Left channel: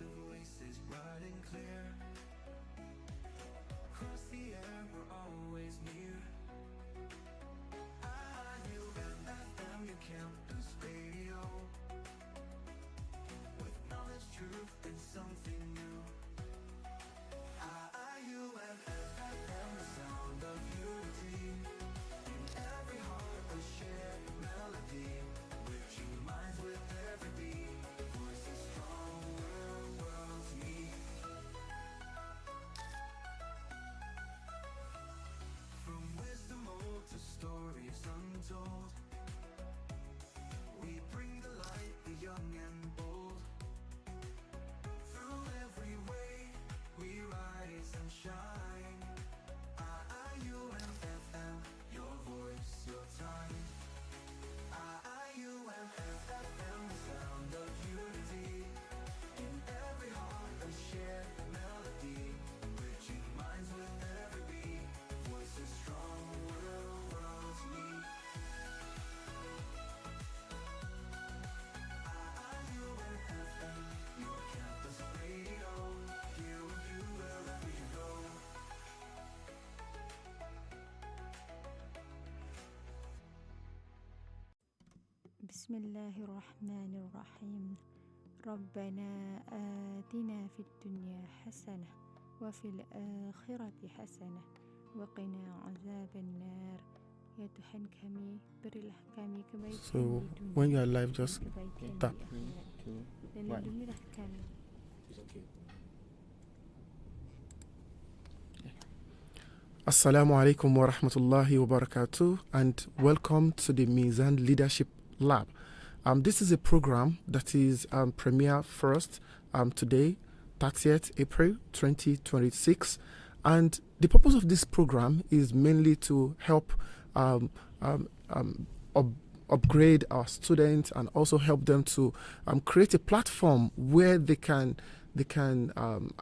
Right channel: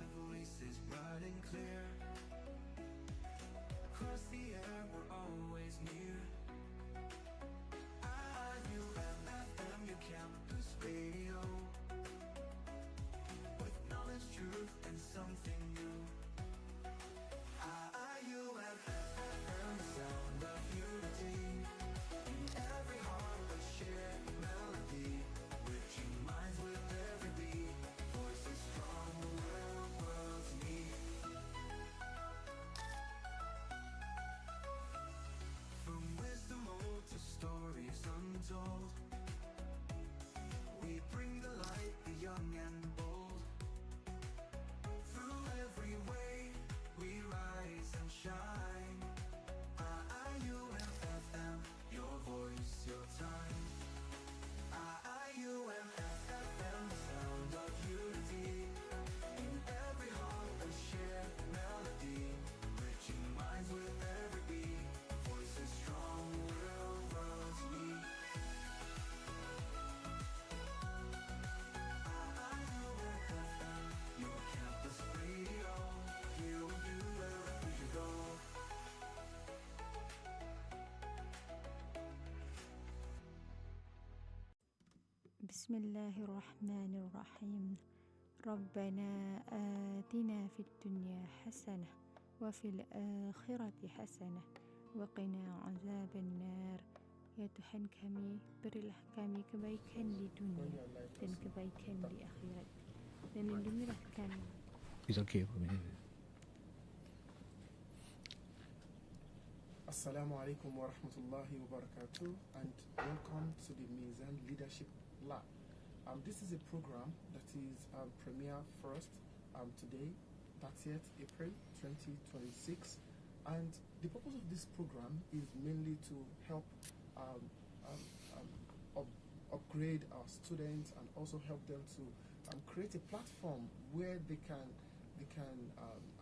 of voices bright and clear. Across the air, we're always near. IIUM FM, your campus radio. With knowledge, truth, and something new. IIUM FM, the sound of unity. In every heart, a shared melody. Reaching minds with every beat. Voices strong where worlds meet. From wisdom old to stories untold, we bring the light, the young and bold. Through every way, we rise and shine. IIUM FM, your voice, your time. IIUM FM, the sound of unity. In every heart, a shared melody. Reaching minds with every beat. Voices strong where worlds meet. IIUM FM, your campus radio. Here with you wherever you go. بسم الله الرحمن الرحيم. ربنا آتنا في الدنيا حسنة وفي الآخرة حسنة وقنا عذاب النار. Ya Tuhan kami, berilah kami kebaikan di dunia when you are live, just dan kebaikan tap. di akhirat, dan lindungilah kami. It's okay for me. Assalamu alaikum wa rahmatullahi wa barakatuh, and welcome to the Mizan Leadership Lab. This is a program that is premiere first today, 30th April 2026, and the purpose of this program is mainly to help upgrade our students and also help them to create a platform where they can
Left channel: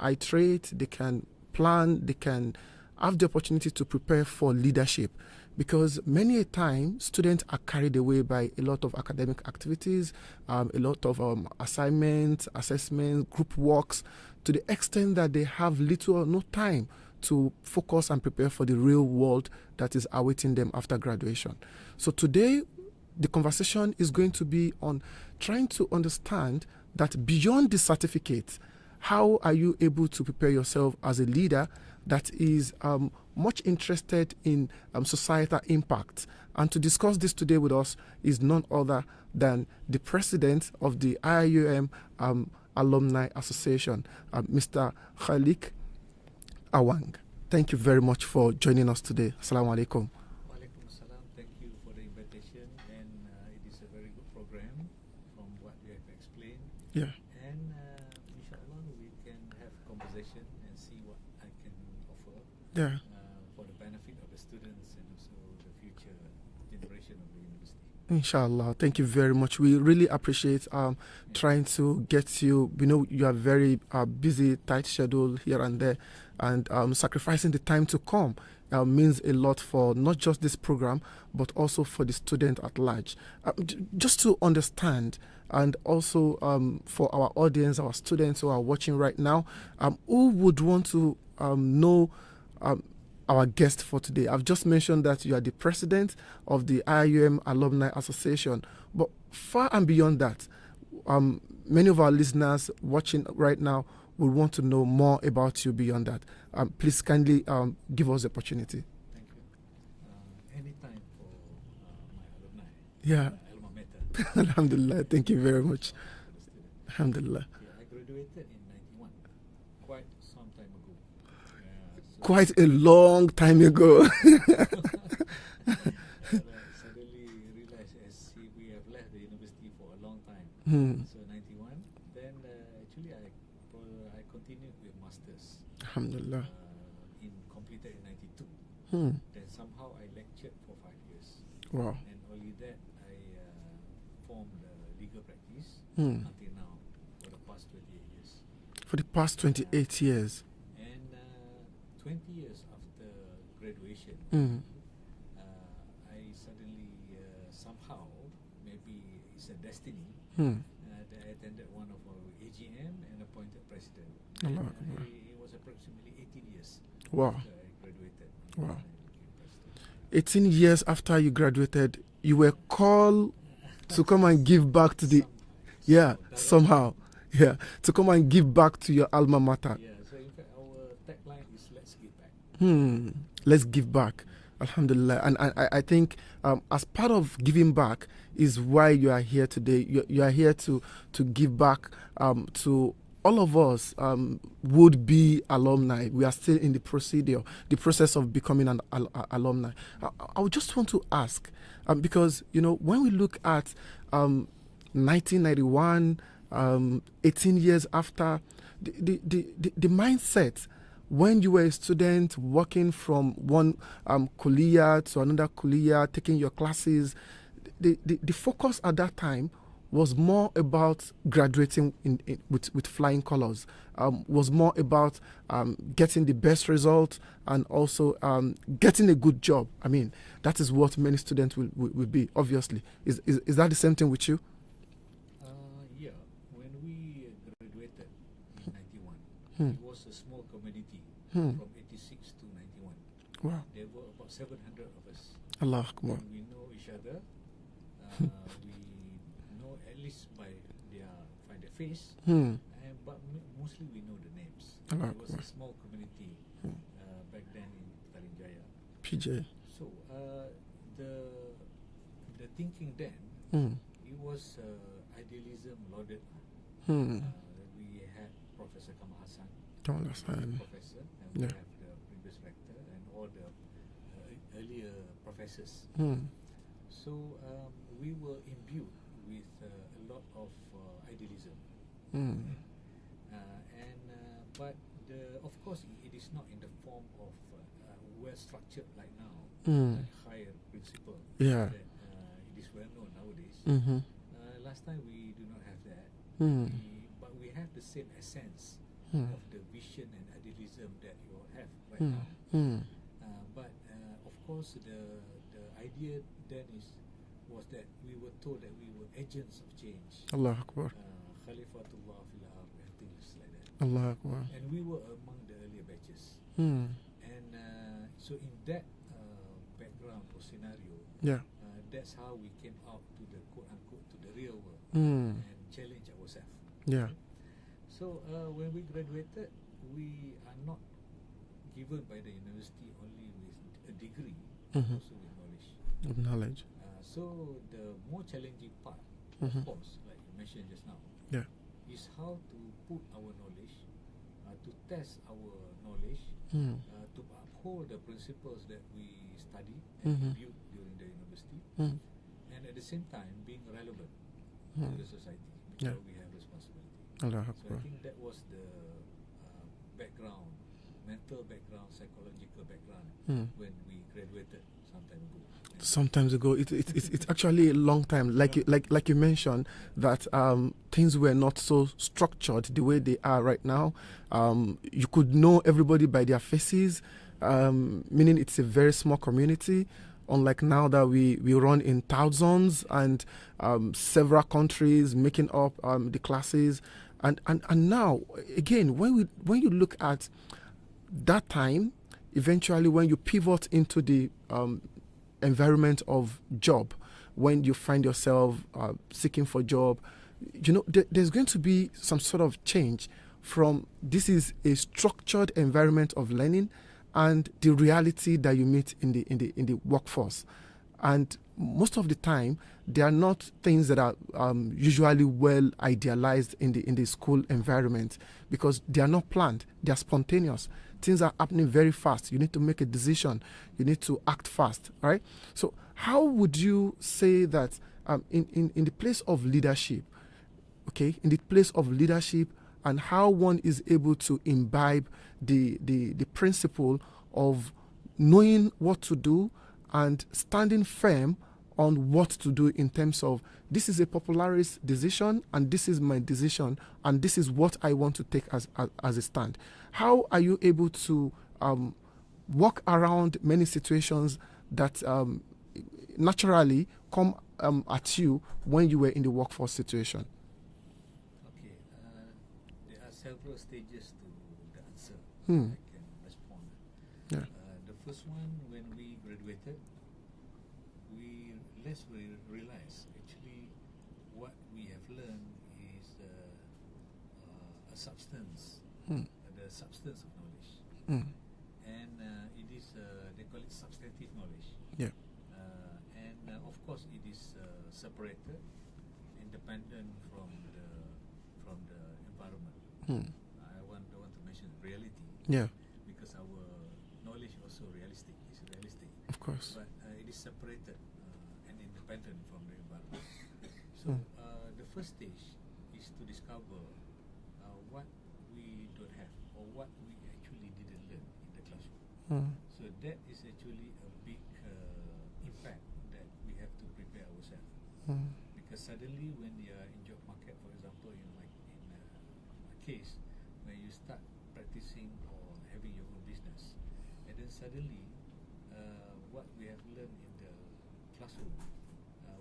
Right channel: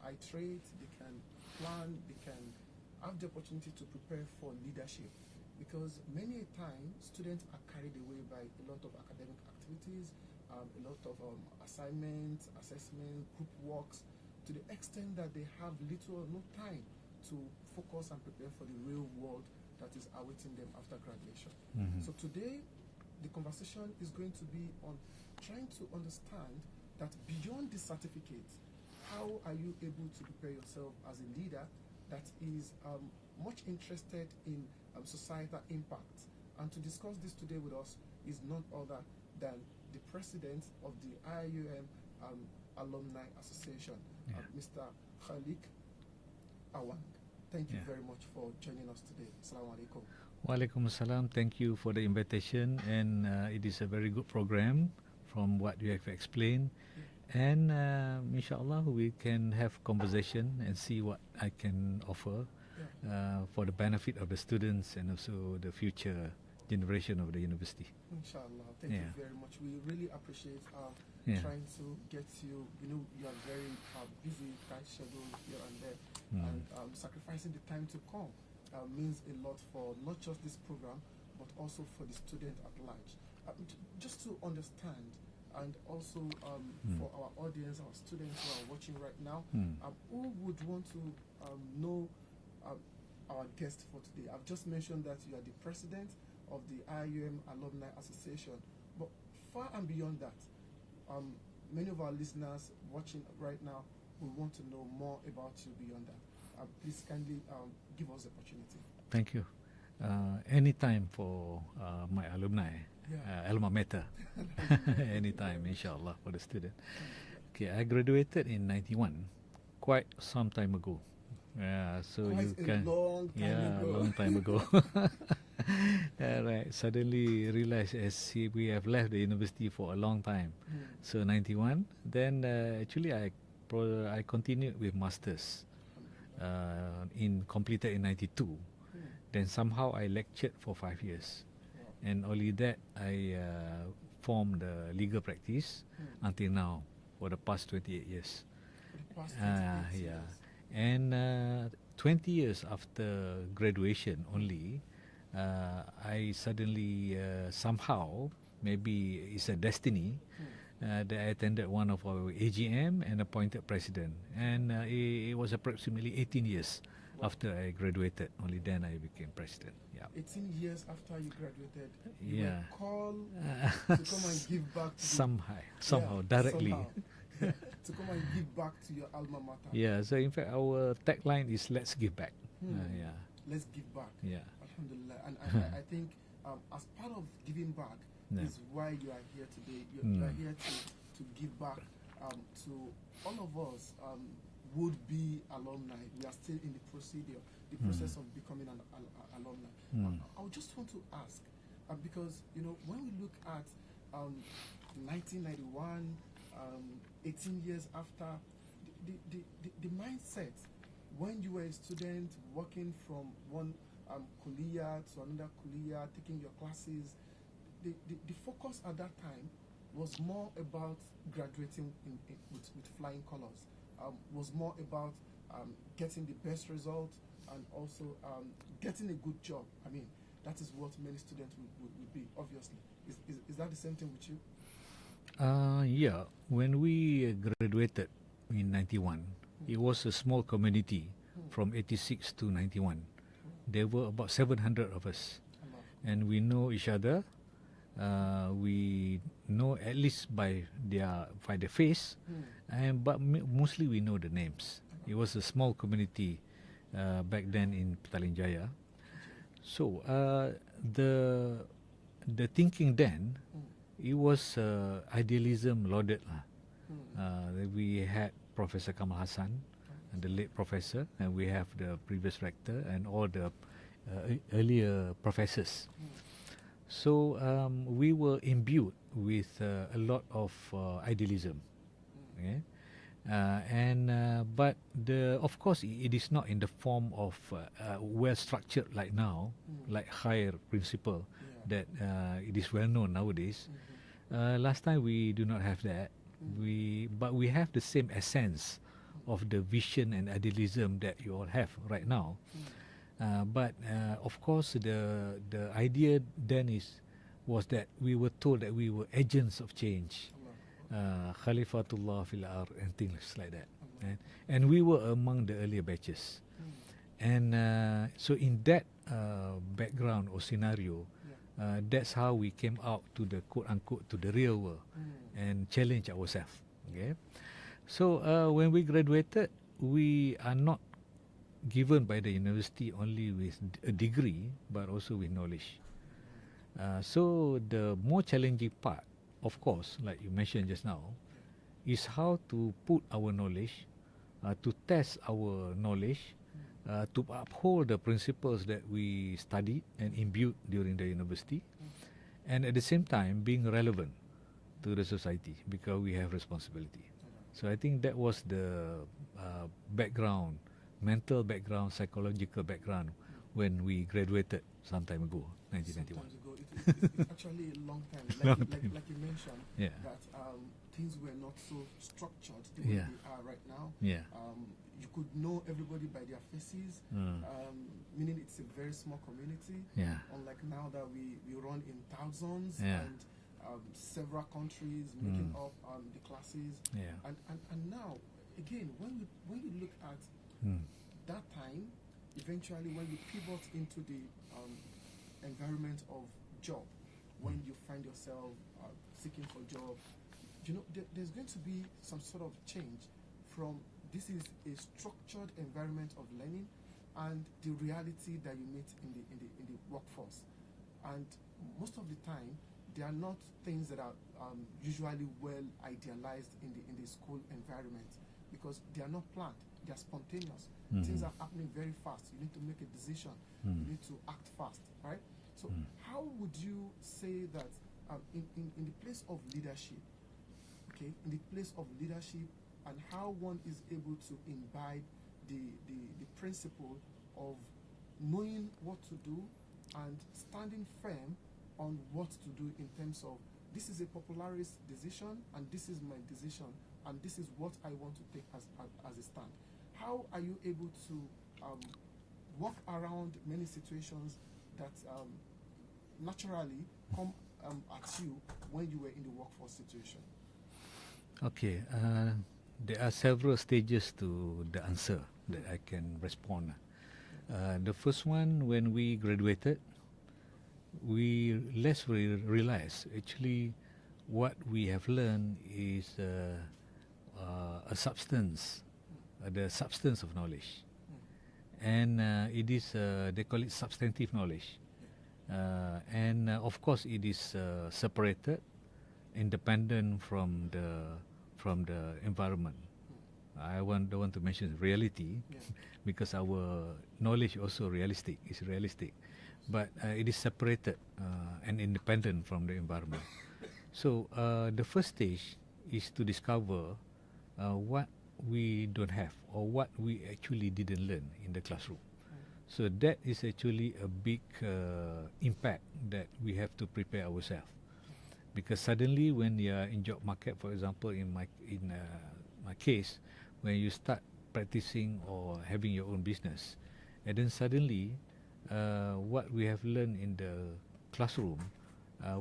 iterate, they can plan, they can have the opportunity to prepare for leadership, because many a time students are carried away by a lot of academic activities, a lot of assignments, assessments, group works, to the extent that they have little or no time to focus and prepare for the real world that is awaiting them after graduation. So today, the conversation is going to be on trying to understand that beyond the certificate, how are you able to prepare yourself as a leader that is much interested in societal impact. And to discuss this today with us is none other than the president of the IIUM Alumni Association, Mr. KHALEK AWANG. Thank you very much for joining us today. Assalamu alaikum. Walaikum salam. Thank you for the invitation, and it is a very good program from what you have explained. Yeah. And inshallah, we can have conversation and see what I can offer for the benefit of the students and also the future generation of the university. Inshallah. Thank you very much. We really appreciate trying to get you. We know you are very busy, tight schedule here and there, and sacrificing the time to come means a lot for not just this program, but also for the student at large. Just to understand, and also for our audience, our students who are watching right now, who would want to know our guest for today? I've just mentioned that you are the president of the IIUM Alumni Association, but far and beyond that, many of our listeners watching right now will want to know more about you beyond that. Please kindly give us the opportunity. Thank you. Anytime for my alumni, alma mater. Alhamdulillah. Thank you very much. Inshallah, for the student. Alhamdulillah. Okay, I graduated in 91, quite some time ago. So quite a long time ago. Right. Suddenly realized we have left the university for a long time. So 91. Then actually I continued with masters. Alhamdulillah. Completed in 92. Then somehow I lectured for 5 years. Wow. And only that I formed legal practice until now for the past 28 years. For the past 28 years. And 20 years after graduation only, I suddenly somehow maybe it's a destiny that I attended one of our AGM and appointed president. And it was approximately 18 years after I graduated. Only then I became president. 18 years after you graduated, you were called to come and give back to the... Somehow. Yeah, to come and give back to your alma mater. Yeah, so in fact, our tagline is "Let's give back." Let's give back. Alhamdulillah. And I think as part of giving back is why you are here today. You are here to give back to all of us would be alumni. We are still in the process of becoming an alumni. I would just want to ask, because, when we look at 1991, 18 years after, the mindset when you were a student working from one kuliya to another kuliya, taking your classes, the focus at that time was more about graduating with flying colors, was more about getting the best result and also getting a good job. I mean, that is what many students will be, obviously. Is that the same thing with you? Yeah. When we graduated in 91, it was a small community from 86 to 91. Wow. There were about 700 of us. Allah. And we know each other. We know at least by the face, but mostly we know the names. It was a small community back then in Petaling Jaya. PJ. So the thinking then, it was idealism lauded. We had Professor Kamal Hassan, the late professor, and we have the previous rector and all the earlier professors. So we were imbued with a lot of idealism. But of course it is not in the form of well structured like now, like KHAIR principle that it is well known nowadays. Last time we do not have that. But we have the same essence of the vision and idealism that you all have right now. But of course, the idea then was that we were told that we were agents of change. Allah Akbar. Khalifatullah fil ard and things like that. Allah Akbar. And we were among the earlier batches. And so in that background or scenario, that's how we came out to the quote-unquote to the real world and challenge ourselves. So when we graduated, we are not given by the university only with a degree, but also with knowledge. So the more challenging part, of course, like you mentioned just now, is how to put our knowledge, to test our knowledge, to uphold the principles that we studied and imbued during the university, and at the same time being relevant to the society because we have responsibility. So I think that was the background, mental background, psychological background when we graduated some time ago. Sometimes ago, it's actually a long time. Like you mentioned, that things were not so structured the way they are right now. You could know everybody by their faces, meaning it's a very small community. Unlike now that we run in thousands and several countries making up the classes, and now again when you look at that time, eventually when you pivot into the environment of job, when you find yourself seeking for job, there's going to be some sort of change from this is a structured environment of learning and the reality that you meet in the workforce. And most of the time, they are not things that are usually well idealized in the school environment because they are not planned. They are spontaneous. Things are happening very fast. You need to make a decision. You need to act fast, right? So how would you say that in the place of leadership, in the place of leadership and how one is able to imbibe the principle of knowing what to do and standing firm on what to do in terms of this is a popularist decision and this is my decision and this is what I want to take as a stand. How are you able to walk around many situations that naturally come at you when you were in the workforce situation? Okay, there are several stages to the answer that I can respond. Yeah. The first one, when we graduated, we realize actually what we have learned is a substance, the substance of knowledge, and it is they call it substantive knowledge. Yeah. And of course, it is separated, independent from the environment. Don't want to mention reality, because our knowledge also is realistic. Of course. But it is separated and independent from the environment. So the first stage is to discover what we don't have or what we actually didn't learn in the classroom. So that is actually a big impact that we have to prepare ourselves. Because suddenly when you are in job market, for example, in my case, when you start practicing or having your own business, and then suddenly what we have learned in the classroom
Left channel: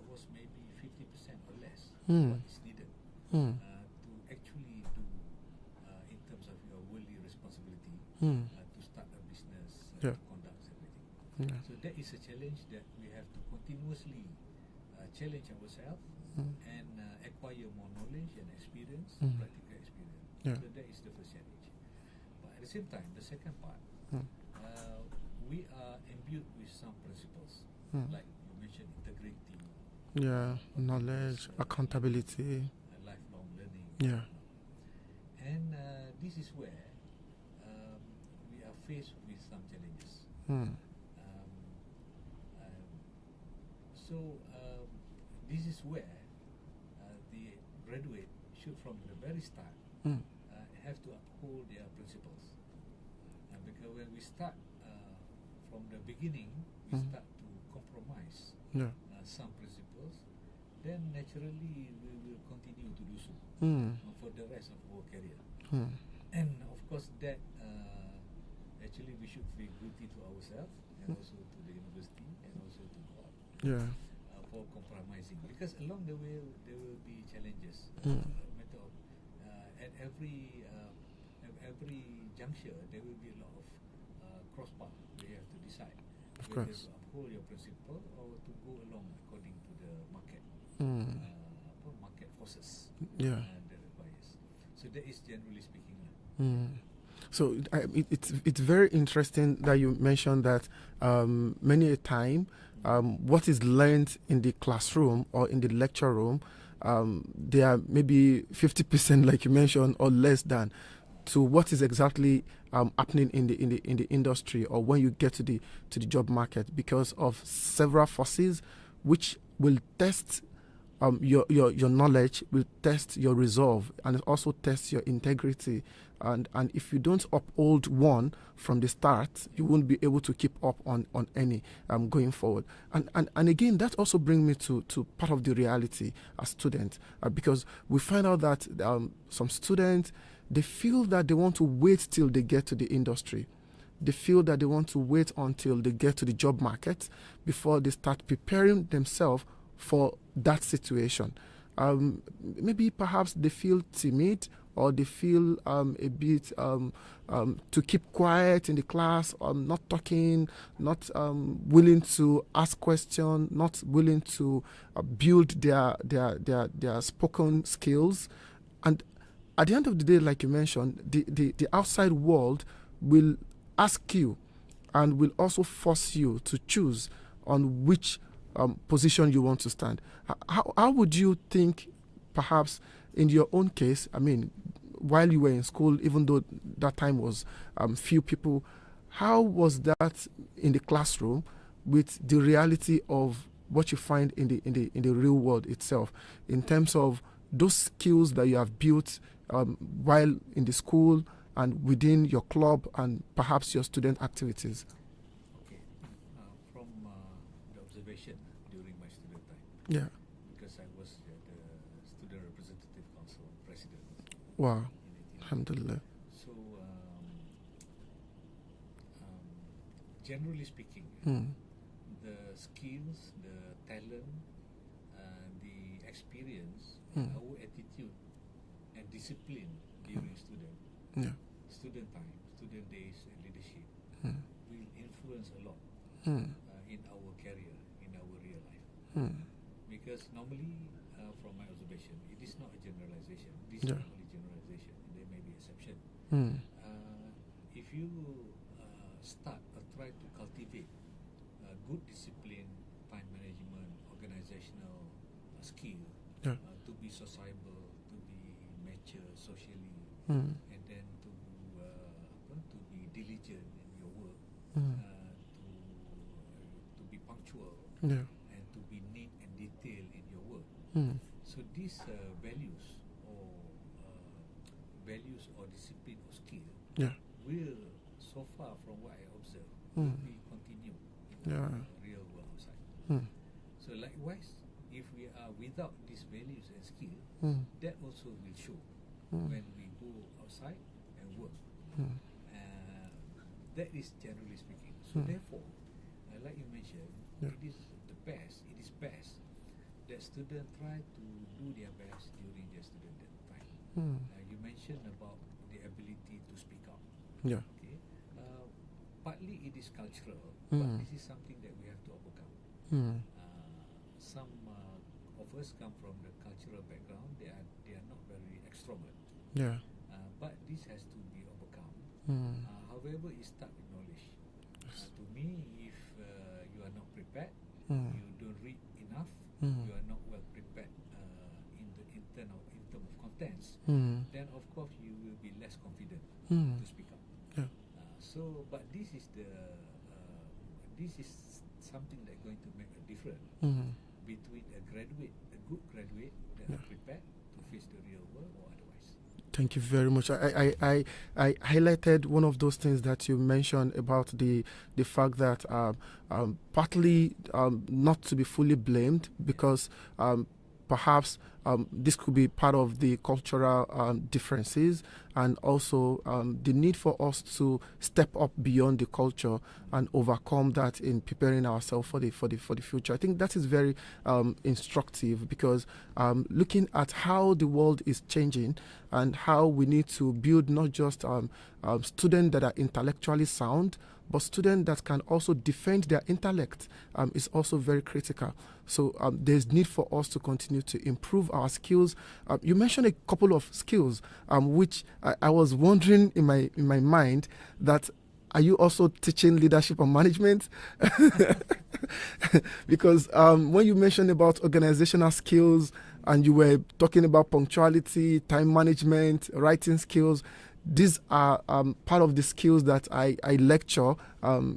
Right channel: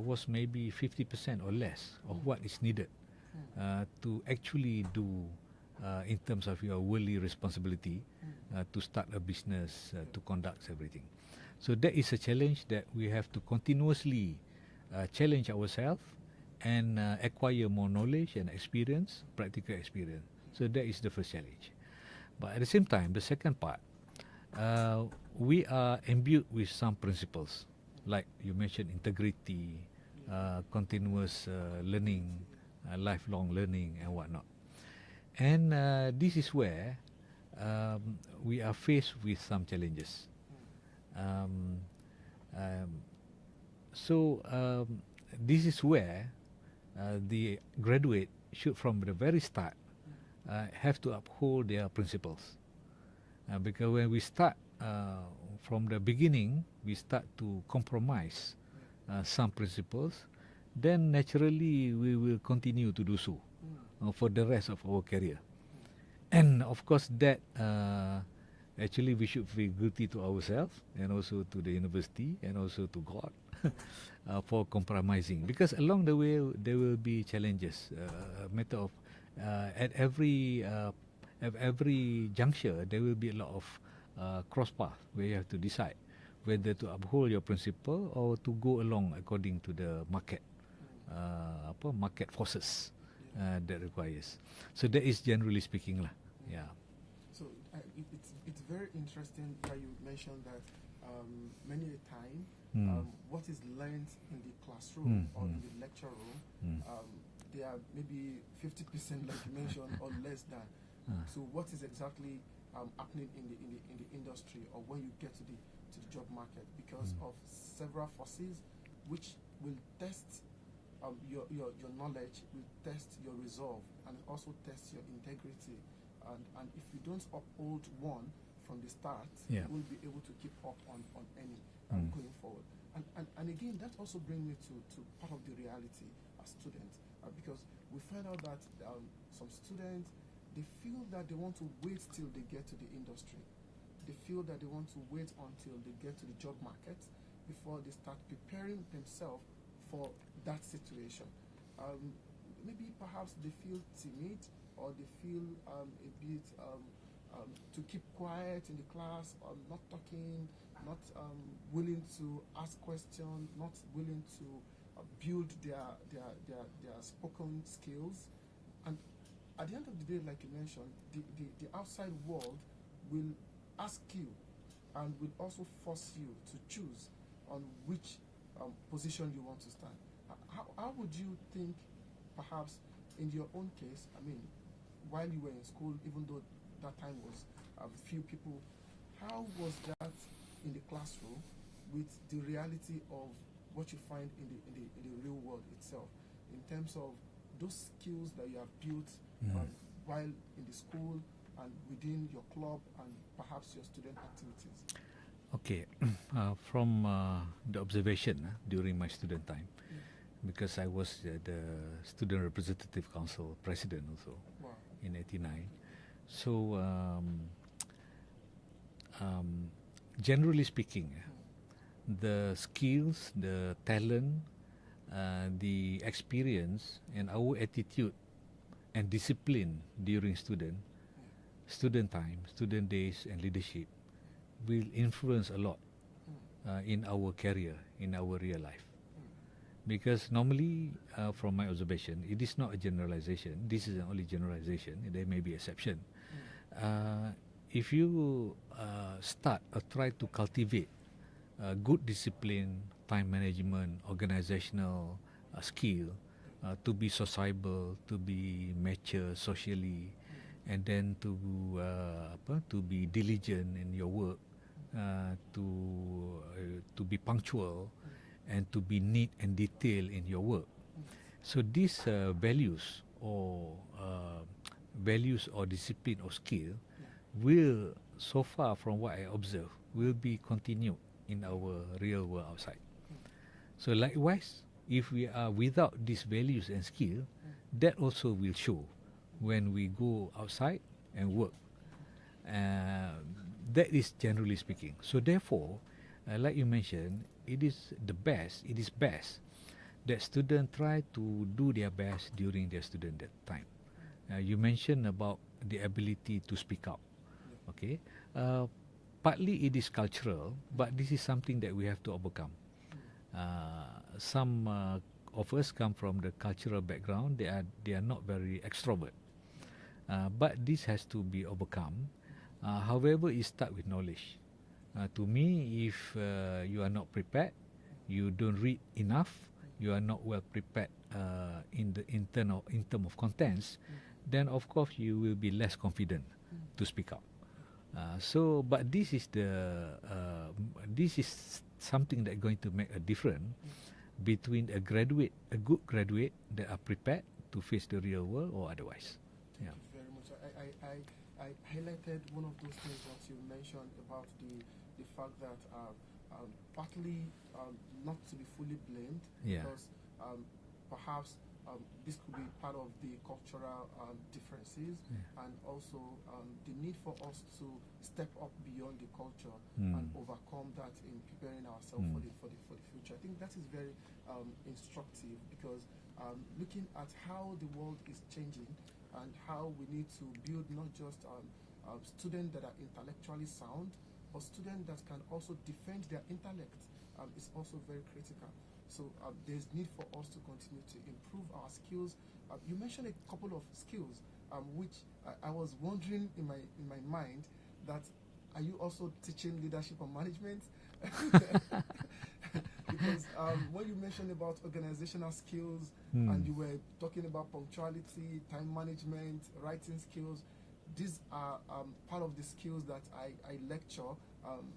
was maybe 50% or less of what is needed to actually do in terms of your worldly responsibility to start a business, to conduct everything. So that is a challenge that we have to continuously challenge ourselves and acquire more knowledge and experience, practical experience. So that is the first challenge. But at the same time, the second part, we are imbued with some principles, like you mentioned, integrity, continuous accountability, learning, lifelong learning, and whatnot. And this is where we are faced with some challenges. So this is where the graduate should, from the very start, have to uphold their principles. Because when we start from the beginning, we start to compromise some principles, then naturally we will continue to do so for the rest of our career. And of course that actually we should feel guilty to ourselves and also to the university and also to God for compromising, because along the way there will be challenges. A matter of at every juncture there will be a lot of cross path where you have to decide whether to uphold your principle or to go along according to the market market forces that requires. So that is generally speaking lah. So it's very interesting that you mentioned that many a time what is learned in the classroom or in the lecture room, they are maybe 50%, like you mentioned, or less than to what is exactly happening in the industry or when you get to the job market, because of several forces which will test your knowledge, will test your resolve, and it also tests your integrity. And if you don't uphold one from the start, you won't be able to keep up on any going forward. And again, that also brings me to part of the reality as students, because we find out that some students, they feel that they want to wait till they get to the industry. They feel that they want to wait until they get to the job market before they start preparing themselves for that situation. Maybe perhaps they feel timid, or they feel a bit to keep quiet in the class, not talking, not willing to ask questions, not willing to build their spoken skills. And at the end of the day, like you mentioned, the outside world will ask you and will also force you to choose on which position you want to stand. How would you think, perhaps in your own case, I mean, while you were in school, even though that time was few people, how was that in the classroom with the reality of what you find in the real world itself, in terms of those skills that you have built while in the school and within your club and perhaps your student activities? Okay, from the observation during my student time, because I was the Student Representative Council President also. Wow. In 1990. Alhamdulillah. So, generally speaking, the skills, the talent the experience and our attitude and discipline during student time, student days, and leadership will influence a lot in our career, in our real life. Because normally, from my observation, it is not a generalization. This is the only generalization. There may be exception. If you start or try to cultivate good discipline, time management, organizational skill, to be sociable, to be mature socially, and then to be diligent in your work, to be punctual, and to be neat and detailed in your work. So these values or discipline or skill will, so far from what I observe, will be continued in our real world outside. So likewise, if we are without these values and skill, that also will show when we go outside and work. That is generally speaking. So therefore, like you mentioned, it is best that students try to do their best during their student time. You mentioned about the ability to speak out. Okay. Partly it is cultural, but this is something that we have to overcome. Some of us come from the cultural background. They are not very extrovert. But this has to be overcome. However, it starts with knowledge. To me, if you are not prepared, you don't read enough, you are not well prepared in term of contents, then of course you will be less confident to speak out. But this is something that going to make a difference between a good graduate that are prepared to face the real world or otherwise. Thank you very much. I highlighted one of those things that you mentioned about the fact that partly not to be fully blamed, because perhaps this could be part of the cultural differences, and also the need for us to step up beyond the culture and overcome that in preparing ourselves for the future. I think that is very instructive, because looking at how the world is changing and how we need to build not just students that are intellectually sound, but students that can also defend their intellect is also very critical. So there's need for us to continue to improve our skills. You mentioned a couple of skills, which I was wondering in my mind that, are you also teaching leadership and management? Because when you mentioned about organizational skills and you were talking about punctuality, time management, writing skills, these are part of the skills that I lecture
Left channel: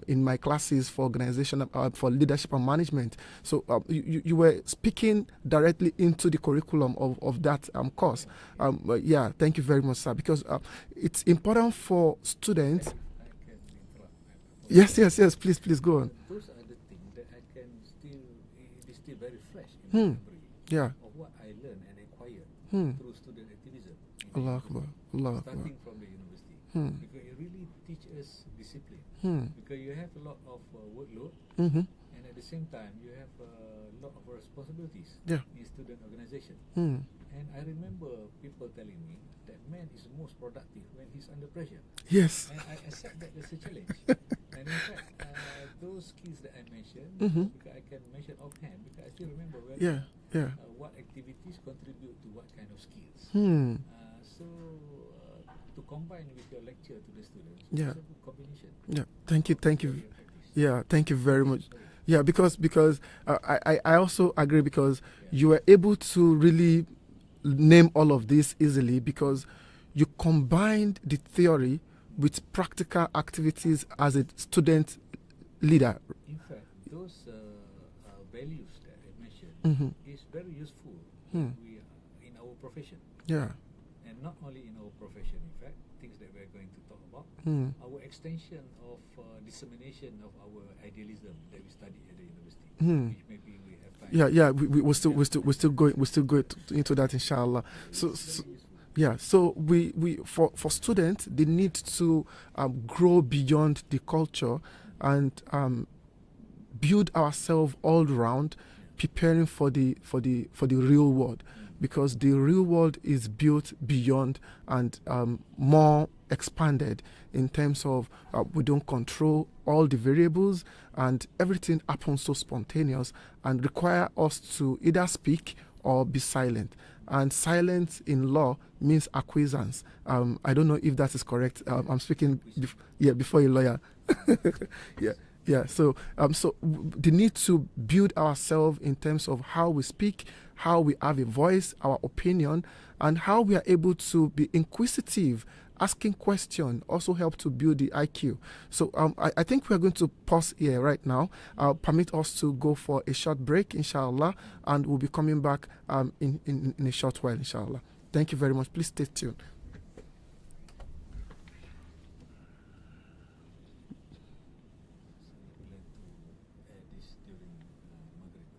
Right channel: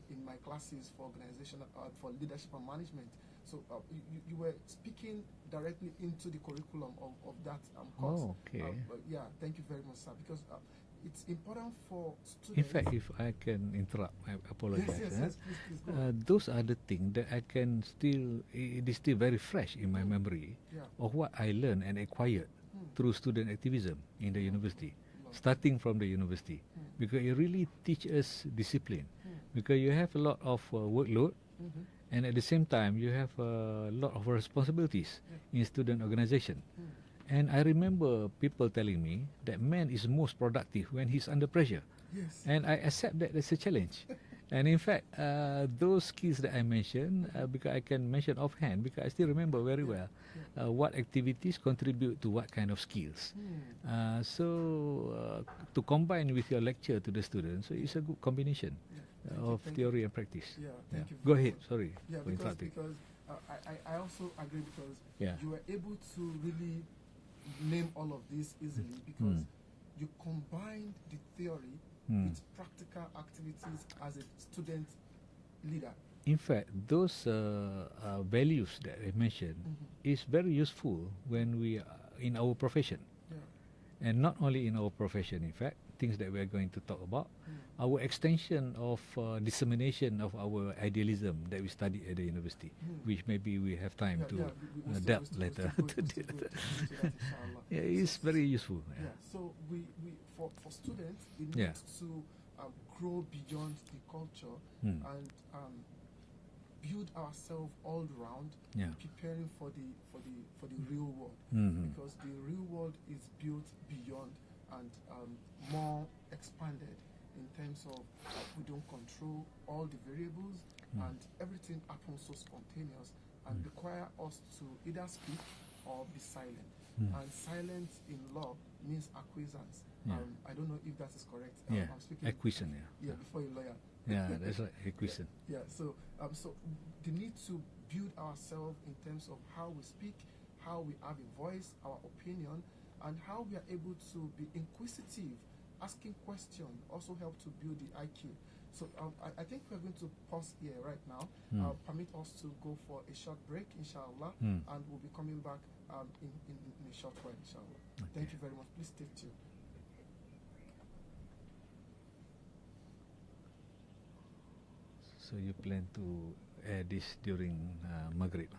in my classes for organization, for leadership and management. So you were speaking directly into the curriculum of that course. But yeah, thank you very much, sir, because it's important for students. In fact, if I can interrupt, I apologize. Yes, please go on. Those are the things that I can it is still very fresh in my memory of what I learned and acquired through student activism in the university, starting from the university, because it really teaches us discipline, because you have a lot of workload, and at the same time you have a lot of responsibilities in student organization. And I remember people telling me that man is most productive when he's under pressure. Yes. And I accept that as a challenge. And in fact, those skills that I mentioned, because I can mention offhand, because I still remember very well what activities contribute to what kind of skills. So to combine with your lecture to the students, it's a good combination. Thank you. Theory and practice. Yeah, thank you very much. Sorry. Yeah, because I also agree, because you were able to really name all of this easily, because you combined the theory with practical activities as a student leader. In fact, those values that I mentioned is very useful when we are in our profession. And not only in our profession, in fact, things that we are going to talk about, our extension of dissemination of our idealism that we study at the university, which maybe we have time. We'll still go into that, inshallah. It's very useful. So we for students, they need to grow beyond the culture and build ourselves all round, preparing for the real world, because the real world is built beyond and more expanded in terms of we don't control all the variables, and everything happens so spontaneous and require us to either speak or be silent. And silence in law means acquiescence. I don't know if that is correct. I'm speaking before a lawyer. So the need to build ourselves in terms of how we speak, how we have a voice, our opinion, and how we are able to be inquisitive. Asking questions also help to build the IQ. So I think we're going to pause here right now. Permit us to go for a short break, inshallah, and we'll be coming back in a short while, inshallah. Thank you very much. Please stay tuned. So you plan to air this during Maghrib?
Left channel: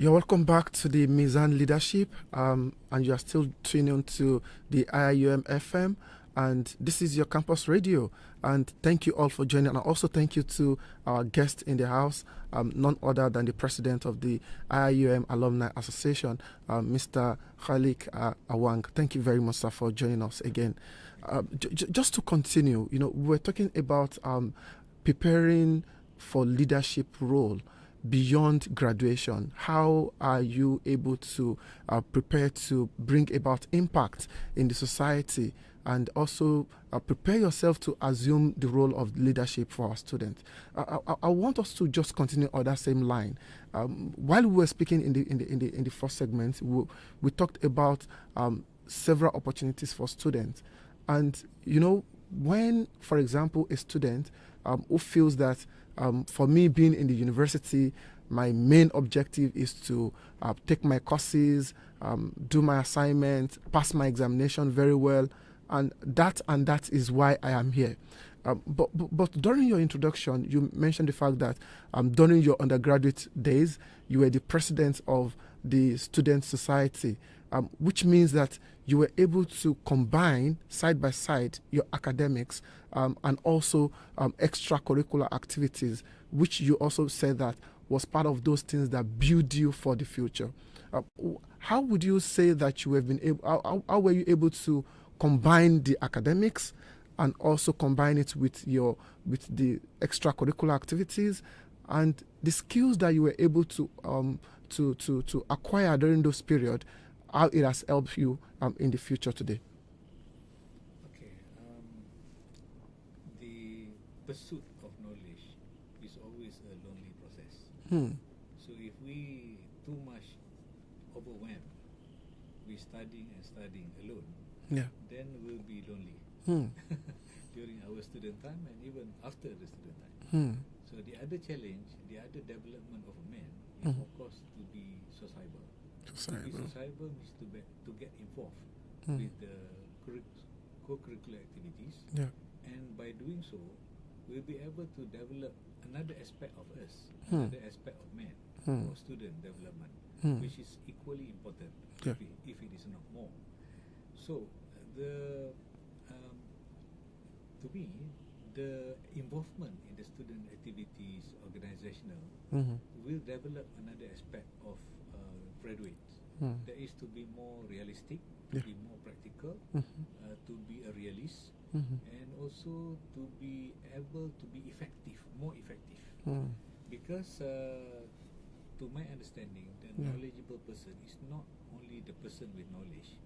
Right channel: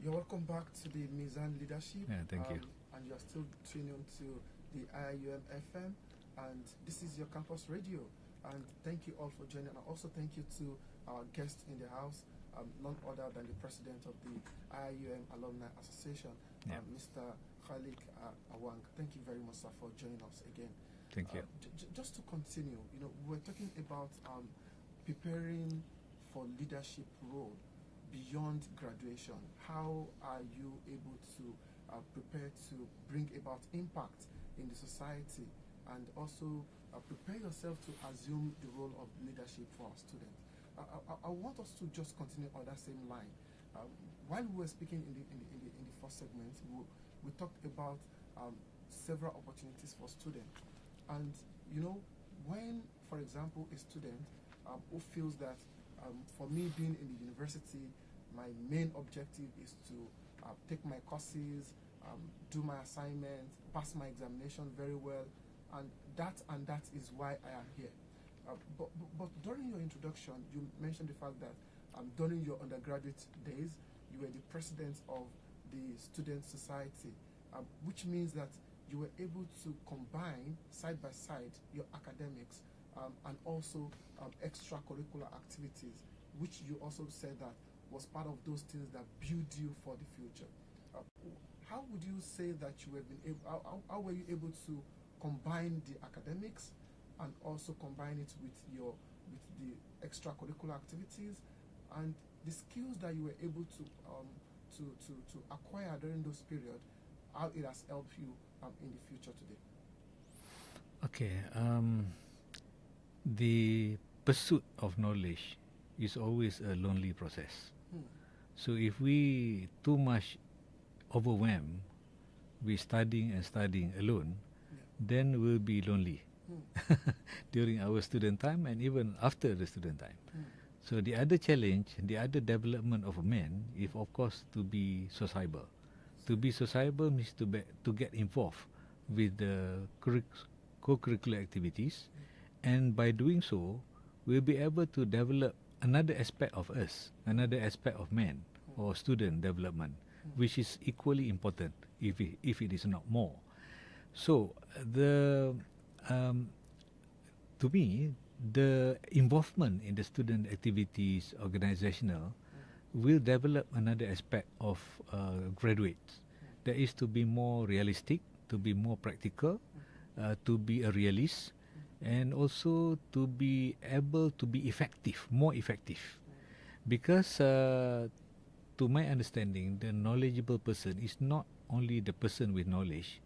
You're welcome back to the Mizan Leadership, Yeah, and you are still tuning to the IIUM FM, and this is your campus radio. And thank you all for joining, and also thank you to our guest in the house, none other than the president of the IIUM Alumni Association, Mr. KHALEK AWANG. Thank you very much, sir, for joining us again. Just to continue, we're talking about preparing for leadership role beyond graduation. How are you able to prepare to bring about impact in the society, and also prepare yourself to assume the role of leadership for our students? I want us to just continue on that same line. While we were speaking in the first segment, we talked about several opportunities for students, and when, for example, a student who feels that for me, being in the university, my main objective is to take my courses, do my assignments, pass my examination very well, and that is why I am here. But during your introduction, you mentioned the fact that during your undergraduate days, you were the president of the student society, which means that you were able to combine side by side your academics and also extracurricular activities, which you also said that was part of those things that build you for the future. How would you say that you have been able? How were you able to combine the academics and also combine it with the extracurricular activities and the skills that you were able to acquire during those periods? How it has helped you in the future today? Okay. The pursuit of knowledge is always a lonely process. So if we too much overwhelmed with studying alone, then we'll be lonely during our student time and even after the student time. So the other challenge, the other development of a man is of course to be sociable. To be sociable means to get involved with the co-curricular activities, and by doing so, we'll be able to develop another aspect of us, another aspect of man or student development, which is equally important, if it is not more. So to me, the involvement in the student activities, organizational, will develop another aspect of graduates. That is to be more realistic, to be more practical, to be a realist, and also to be able to be effective, more effective. Because to my understanding, the knowledgeable person is not only the person with knowledge,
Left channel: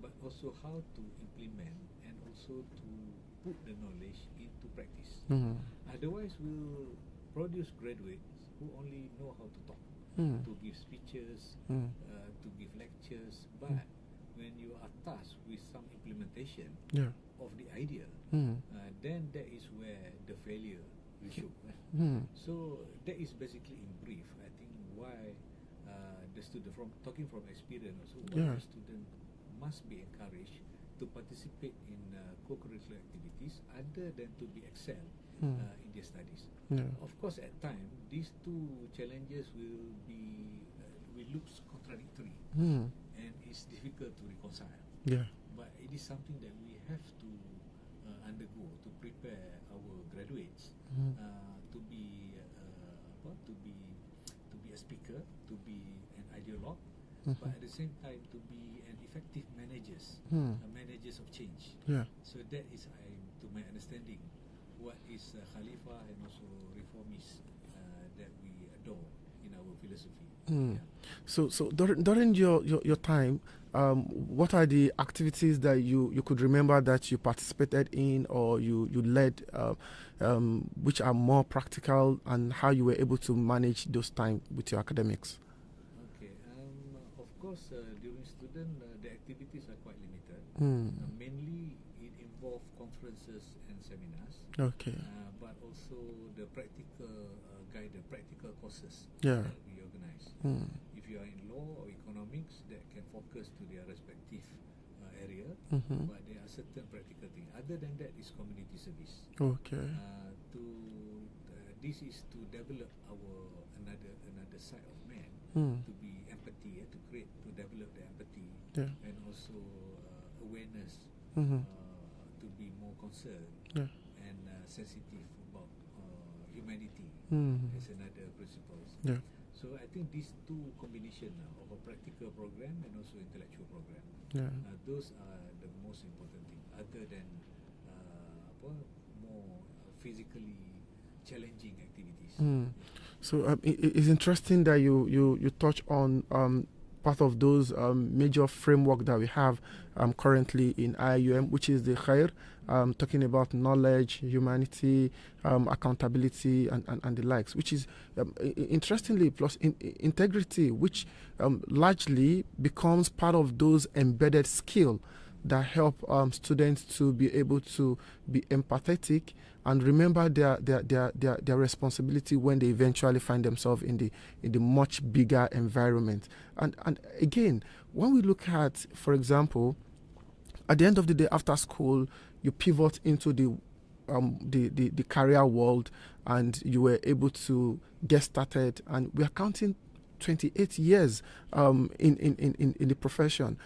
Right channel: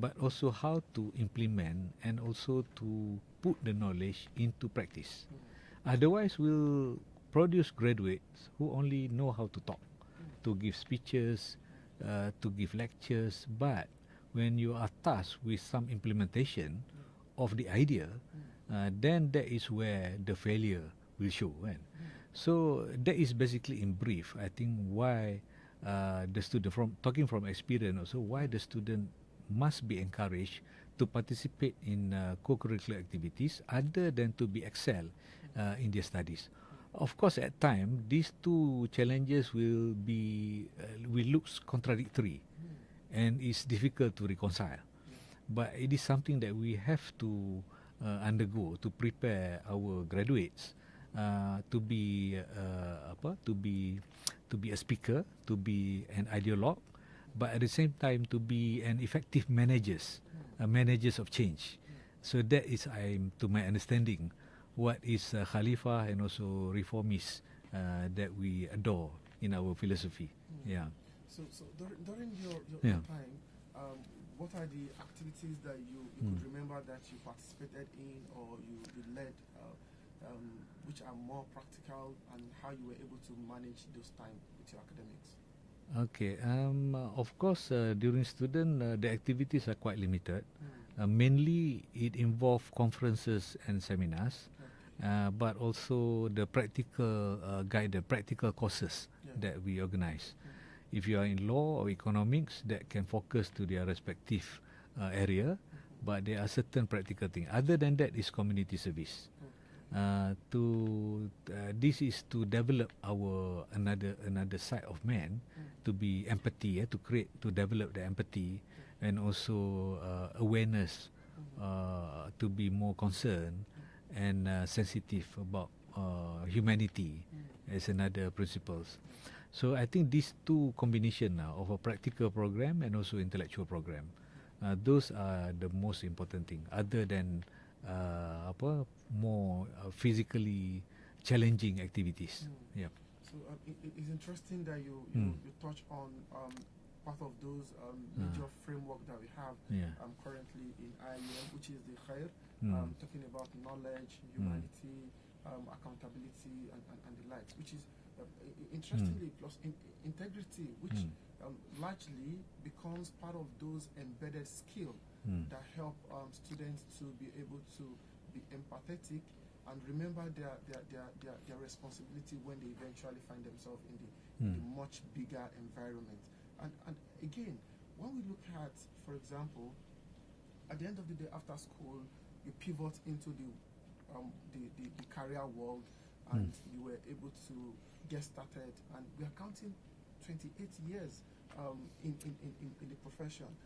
but also how to implement and also to put the knowledge into practice. Otherwise, we'll produce graduates who only know how to talk, to give speeches, to give lectures, but when you are tasked with some implementation of the idea, then that is where the failure will show. Right? So that is basically in brief, I think, why the student, from talking from experience also, why the student must be encouraged to participate in co-curricular activities other than to be excel in their studies. Of course, at time, these two challenges will look contradictory, and it's difficult to reconcile. But it is something that we have to undergo to prepare our graduates to be a speaker, to be an ideologue, but at the same time to be an effective managers of change. So that is, to my understanding, what is Khalifa and also reformists that we adore in our philosophy. So during your time, what are the activities that you could remember that you participated in or you led, which are more practical, and how you were able to manage those time with your academics? Okay. Of course, during student, the activities are quite limited. Mainly, it involves conferences and seminars. But also the practical practical courses that we organize. If you are in law or economics, that can focus to their respective area, but there are certain practical things. Other than that is community service. Okay. This is to develop our another side of man, to be empathy, to develop the empathy, and also awareness, to be more concerned and sensitive about humanity as another principles. So I think these two combination now of a practical program and also intellectual program, those are the most important thing, other than more physically challenging activities. So it's interesting that you touch on part of those major framework that we have currently in IIUM, which is the KHAIR, talking about knowledge, humanity, accountability, and the likes, which is interestingly plus integrity, which largely becomes part of those embedded skill that help students to be able to be empathetic and remember their responsibility when they eventually find themselves in the much bigger environment. And again, when we look at, for example, at the end of the day after school, you pivot into the career world, and you were able to get started, and we are counting 28 years in the profession.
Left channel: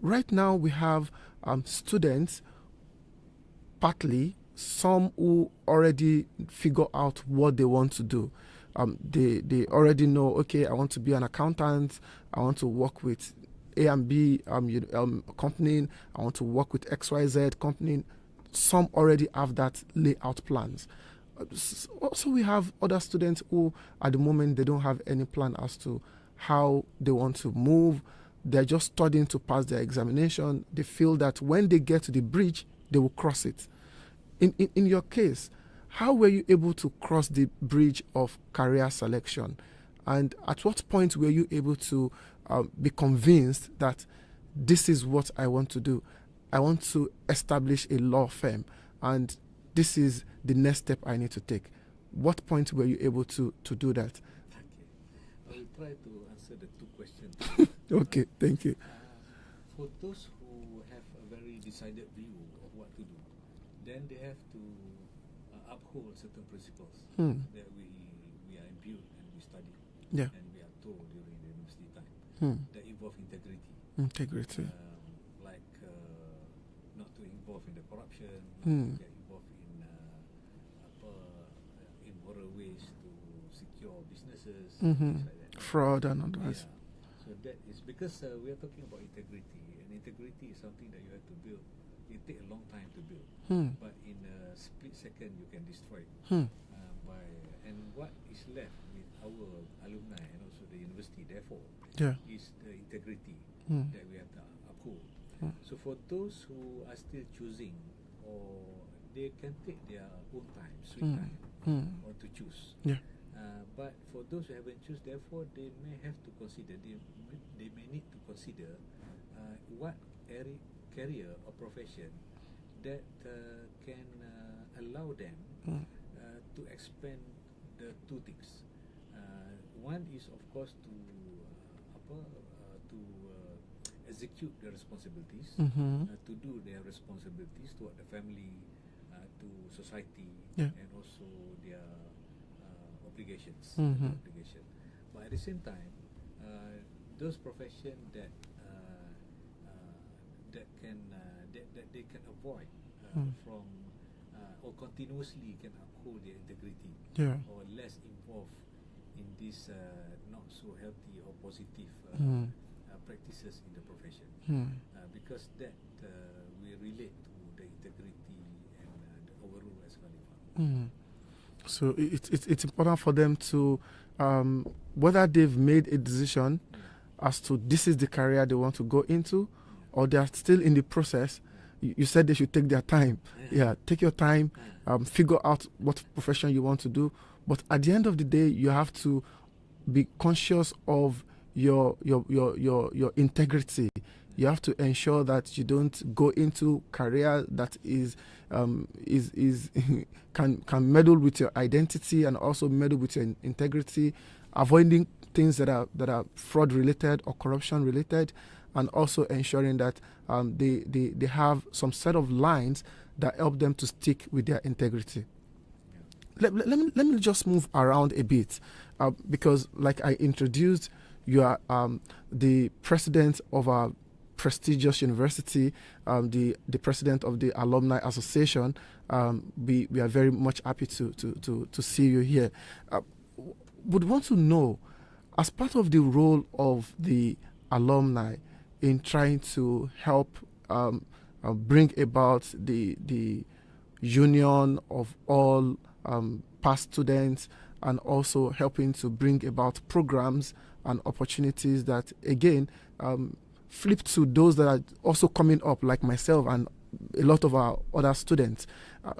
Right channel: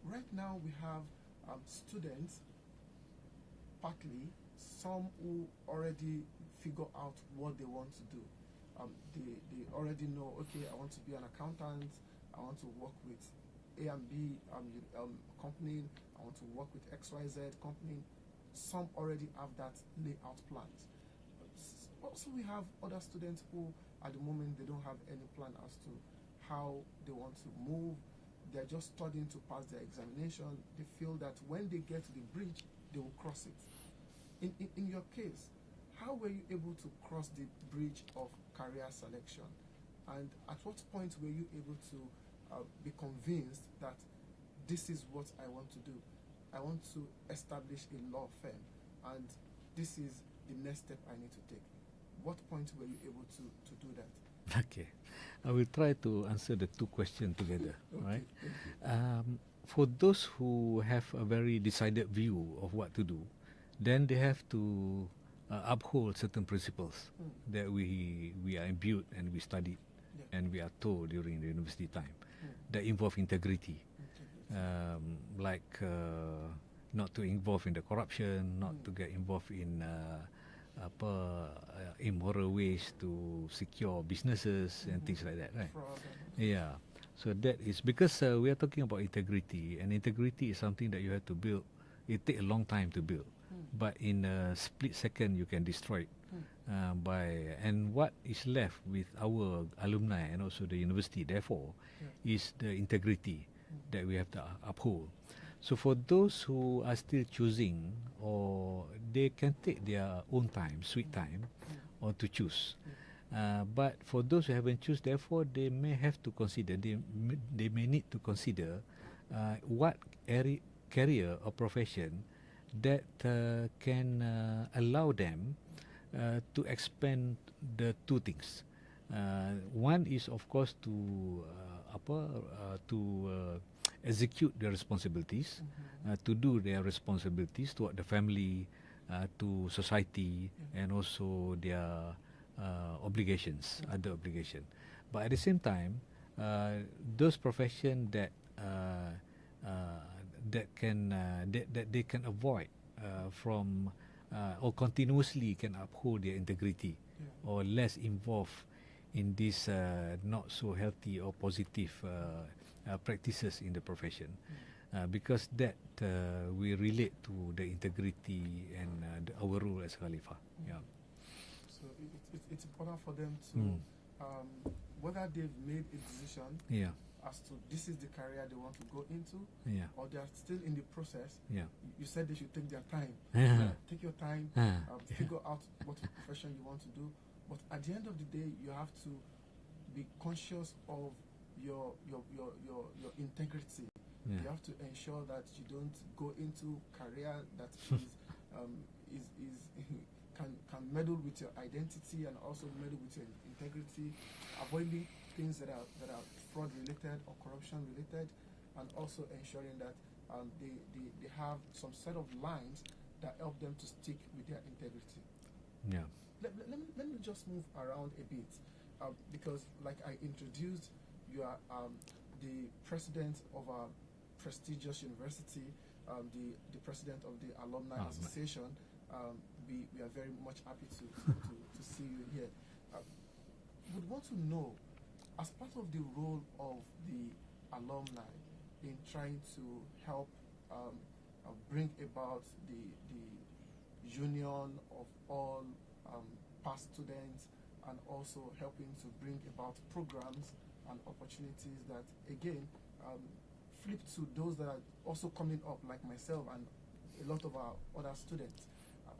Right now we have students, partly some who already figure out what they want to do. They already know, okay, I want to be an accountant, I want to work with A and B company, I want to work with XYZ company. Some already have that layout plans. Also, we have other students who, at the moment, they don't have any plan as to how they want to move. They're just studying to pass their examination. They feel that when they get to the bridge, they will cross it. In your case, how were you able to cross the bridge of career selection? And at what point were you able to be convinced that this is what I want to do? I want to establish a law firm, and this is the next step I need to take. What point were you able to do that? Okay. I will try to answer the two questions together. Okay, right? Thank you. For those who have a very decided view of what to do, then they have to uphold certain principles that we are imbued and we studied and we are told during the university time that involve integrity. Like not to involve in the corruption, not to get involved in immoral ways to secure businesses and things like that. Right? Fraud and all that. Yeah. So that is because we are talking about integrity, and integrity is something that you have to build. It takes a long time to build, but in a split second you can destroy it. And what is left with our alumni and also the university, therefore, is the integrity that we have to uphold. So for those who are still choosing, or they can take their own time, sweet time, or to choose. But for those who haven't choose, therefore, they may have to consider, they may need to consider what career or profession that can allow them to expand the two things. One is, of course, to execute their responsibilities, to do their responsibilities toward the family, to society, and also their obligations, other obligation. But at the same time, those professions that they can avoid from or continuously can uphold their integrity, or less involved in this not so healthy or positive practices in the profession, because that we relate to the integrity and our role as Khalifa. So it's important for them to whether they've made a decision as to this is the career they want to go into, or they are still in the process. You said they should take their time. Take your time, figure out what profession you want to do. But at the end of the day, you have to be conscious of your integrity. You have to ensure that you don't go into career that is can meddle with your identity and also meddle with your integrity, avoiding things that are fraud related or corruption related, and also ensuring that they have some set of lines that help them to stick with their integrity. Yeah. Let me just move around a bit, because like I introduced, you are the president of our prestigious university, the president of the Alumni Association. We are very much happy to see you here. Would want to know, as part of the role of the alumni in trying to help bring about the union of all past students, and also helping to bring about programs and opportunities that, again, flip to those that are also coming up, like myself and a lot of our other students.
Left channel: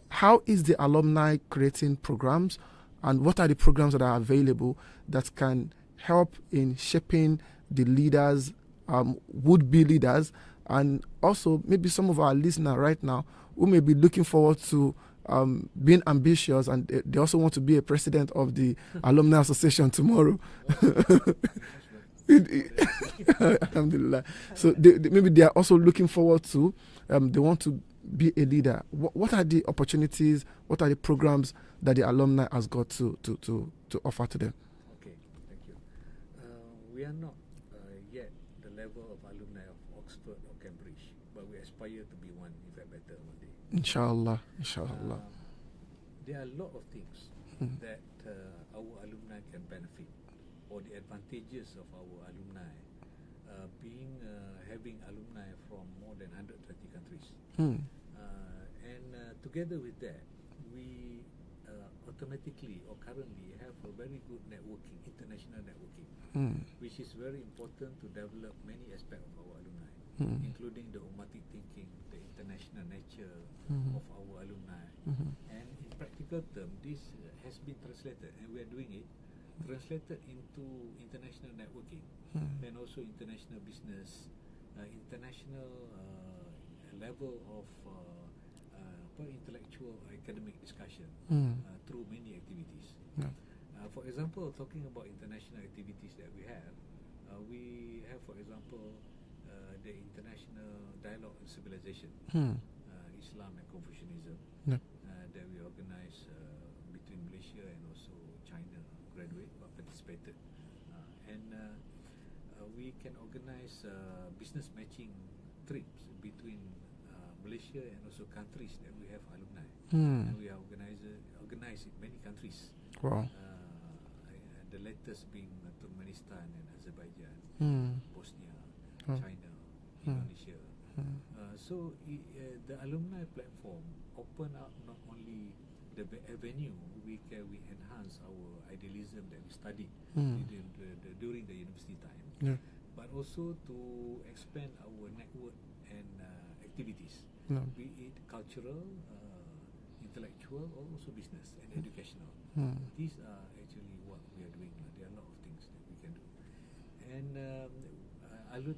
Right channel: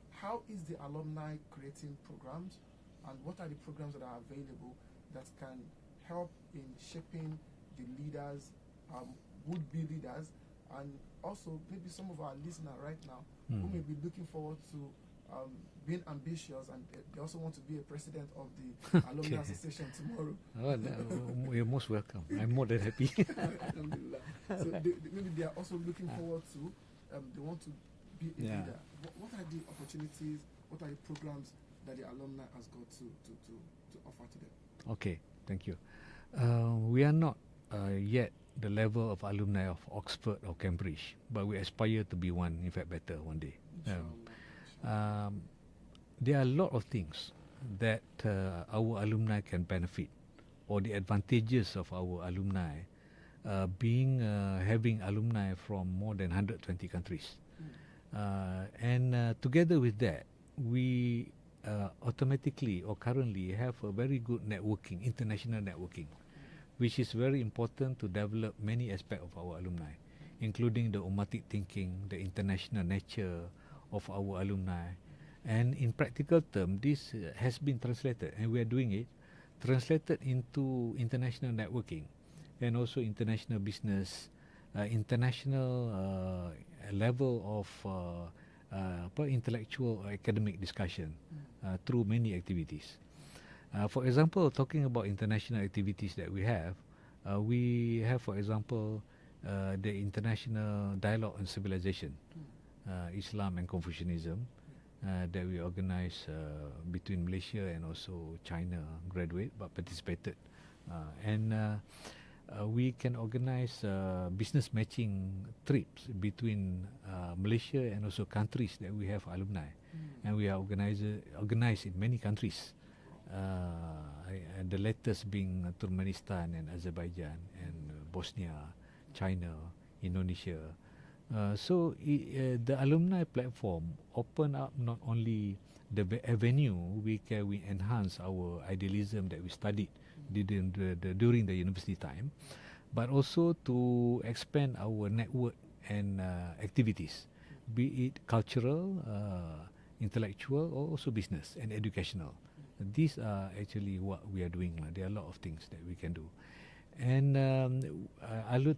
How is the alumni creating programs, and what are the programs that are available that can help in shaping the leaders, would-be leaders, and also maybe some of our listeners right now who may be looking forward to being ambitious, and they also want to be a president of the Alumni Association tomorrow. You're most welcome. I'm more than happy. Alhamdulillah. So maybe they are also looking forward to, they want to be a leader. What are the opportunities, what are the programs that the alumni has got to offer to them? Okay, thank you. We are not yet the level of alumni of Oxford or Cambridge, but we aspire to be one, in fact better one day. Inshallah. Inshallah. There are a lot of things that our alumni can benefit, or the advantages of our alumni, having alumni from more than 120 countries. And together with that, we automatically or currently have a very good networking, international networking, which is very important to develop many aspects of our alumni, including the ummatic thinking, the international nature of our alumni. And in practical terms, this has been translated, and we are doing it, translated into international networking and also international business, international level of intellectual or academic discussion through many activities. For example, talking about international activities that we have, for example, the International Dialogue on Civilization, Islam and Confucianism, that we organize between Malaysia and also China, graduate but participated. And we can organize business matching trips between Malaysia and also countries that we have alumni, and we are organized in many countries. Wow. The latest being Turkmenistan and Azerbaijan, and Bosnia, China, Indonesia. So the alumni platform open up not only the avenue we enhance our idealism that we studied during the university time, but also to expand our network and activities, be it cultural, intellectual, or also business and educational. These are actually what we are doing. There are a lot of things that we can do. And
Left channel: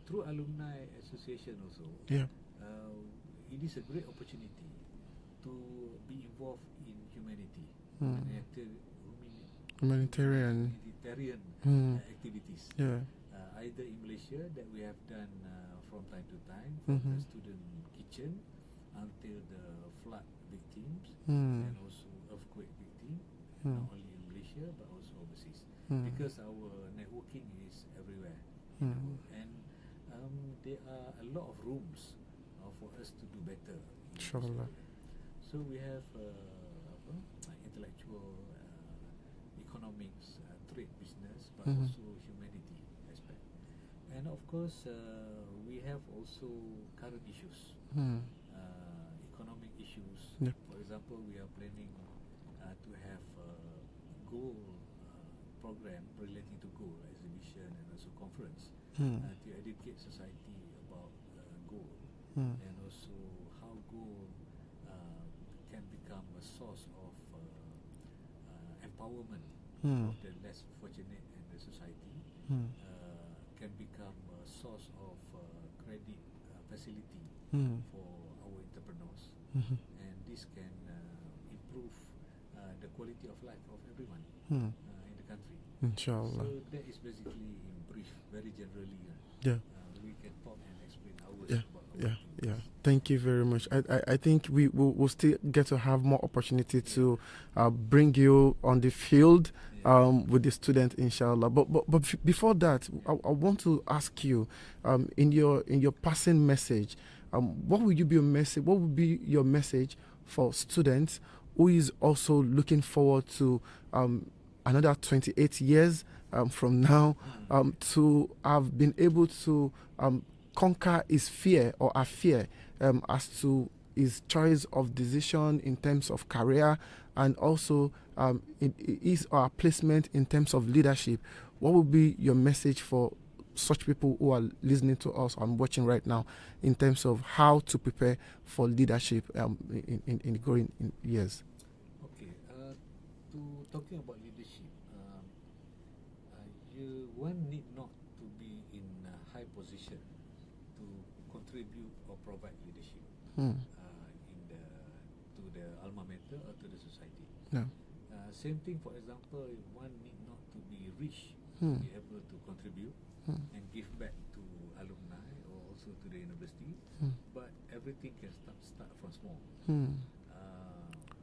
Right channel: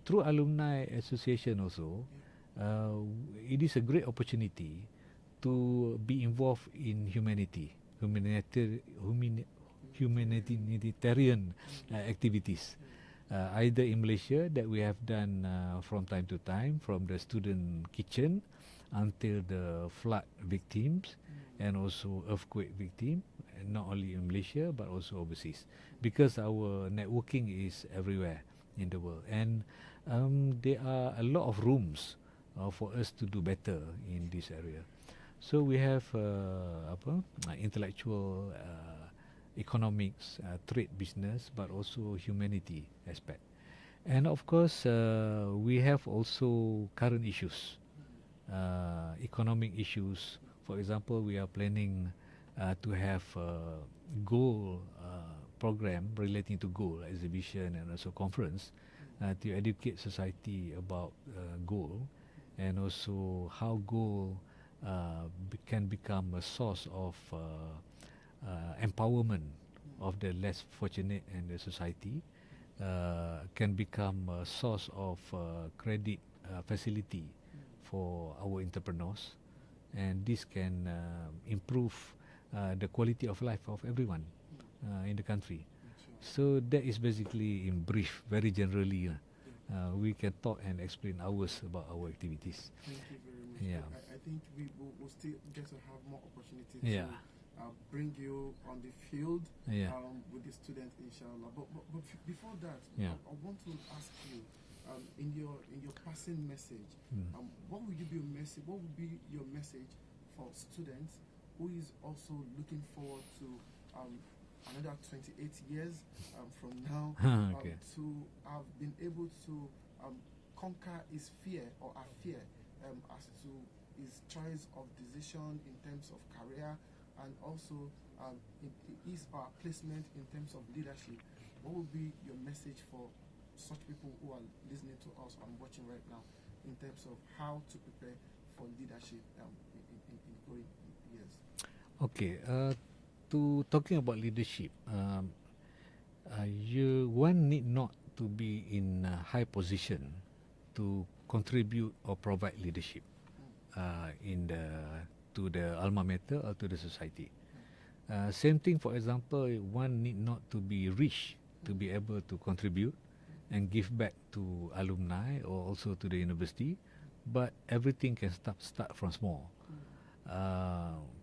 through Alumni Association also, it is a great opportunity to be involved in humanitarian activities, either in Malaysia that we have done from time to time, from the student kitchen until the flood victims and also earthquake victims, not only in Malaysia but also overseas, because our networking is everywhere in the world, and there are a lot of rooms for us to do better in this area. So we have intellectual, economics, trade, business, but also humanity aspect. And of course, we have also current issues, economic issues. For example, we are planning to have a goal program relating to goal exhibition and also conference to educate society about goal, and also how goal can become a source of empowerment of the less fortunate in the society, can become a source of credit facility for our entrepreneurs, and this can improve the quality of life of everyone in the country. Inshallah. So that is basically in brief, very generally, we can talk and explain hours about our activities. Thank you very much. I think we will still get to have more opportunity to bring you on the field with the student, inshallah. But before that, I want to ask you, in your passing message, what would be your message for students who is also looking forward to another 28 years from now, to have been able to conquer his fear or a fear as to his choice of decision in terms of career, and also his or her placement in terms of leadership? What would be your message for such people who are listening to us and watching right now, in terms of how to prepare for leadership in the growing years? Okay, talking about leadership, one need not to be in a high position to contribute or provide leadership to the alma mater or to the society. Same thing, for example, one need not to be rich to be able to contribute and give back to alumni or also to the university, but everything can start from small.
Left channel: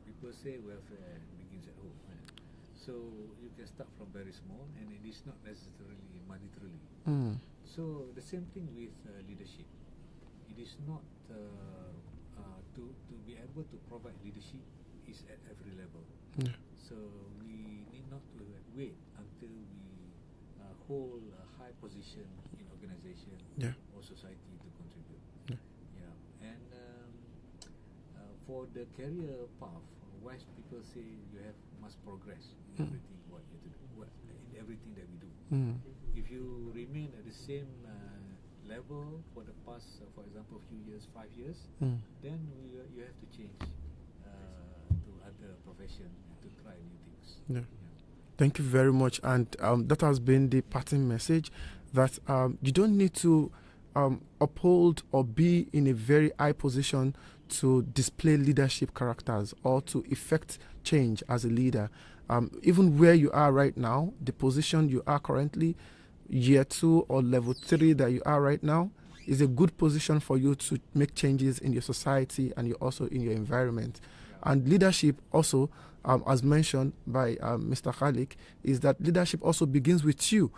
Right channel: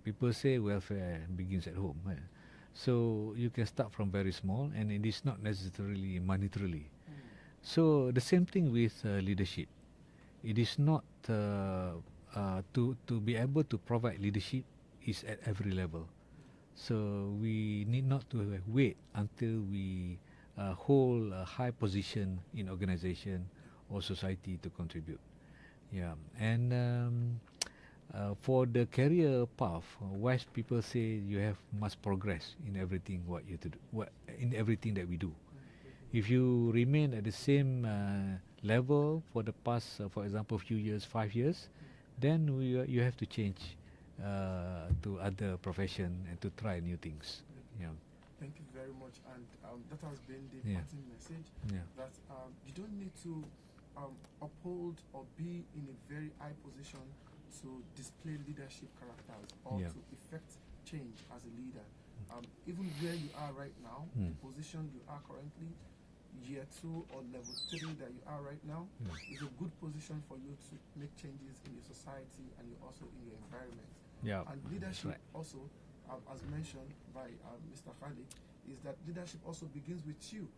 People say welfare begins at home, so you can start from very small, and it is not necessarily monetarily. So the same thing with leadership. It is not to be able to provide leadership is at every level. So we need not to wait until we hold a high position in organization or society to contribute. And for the career path, wise people say you must progress in everything what you do, in everything that we do. If you remain at the same level for the past, for example, few years, 5 years, then you have to change to other profession and to try new things. Thank you very much. And that has been the parting message, that you don't need to uphold or be in a very high position to display leadership characters or to effect change as a leader. Even where you are right now, the position you are currently, year 2 or level 3 that you are right now, is a good position for you to make changes in your society and also in your environment. And leadership also, as mentioned by Mr. KHALEK, is that leadership also begins with you.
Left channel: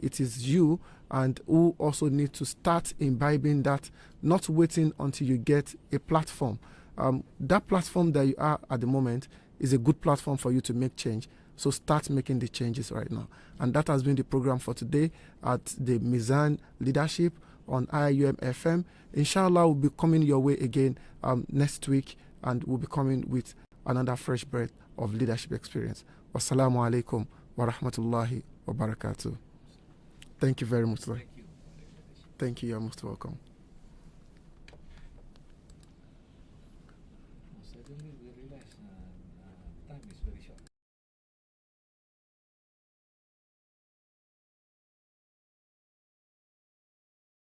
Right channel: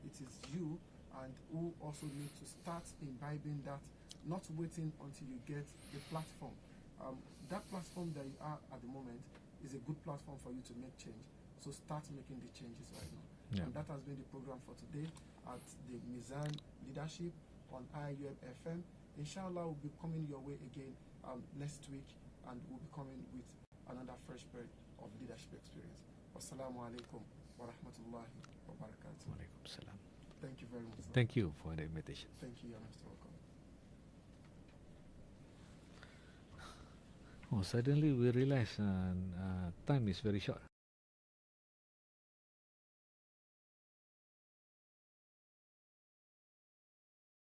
It is you and who also need to start imbibing that, not waiting until you get a platform. That platform that you are at the moment is a good platform for you to make change. So start making the changes right now. And that has been the program for today at the Mizan Leadership on IIUM FM. Inshallah, we'll be coming your way again next week, and we'll be coming with another fresh breath of leadership experience. Wassalamu alaikum wa rahmatullahi wa barakatuh. Thank you very much, sir. Thank you for the invitation. Thank you. You're most welcome. Suddenly we realize time is very short.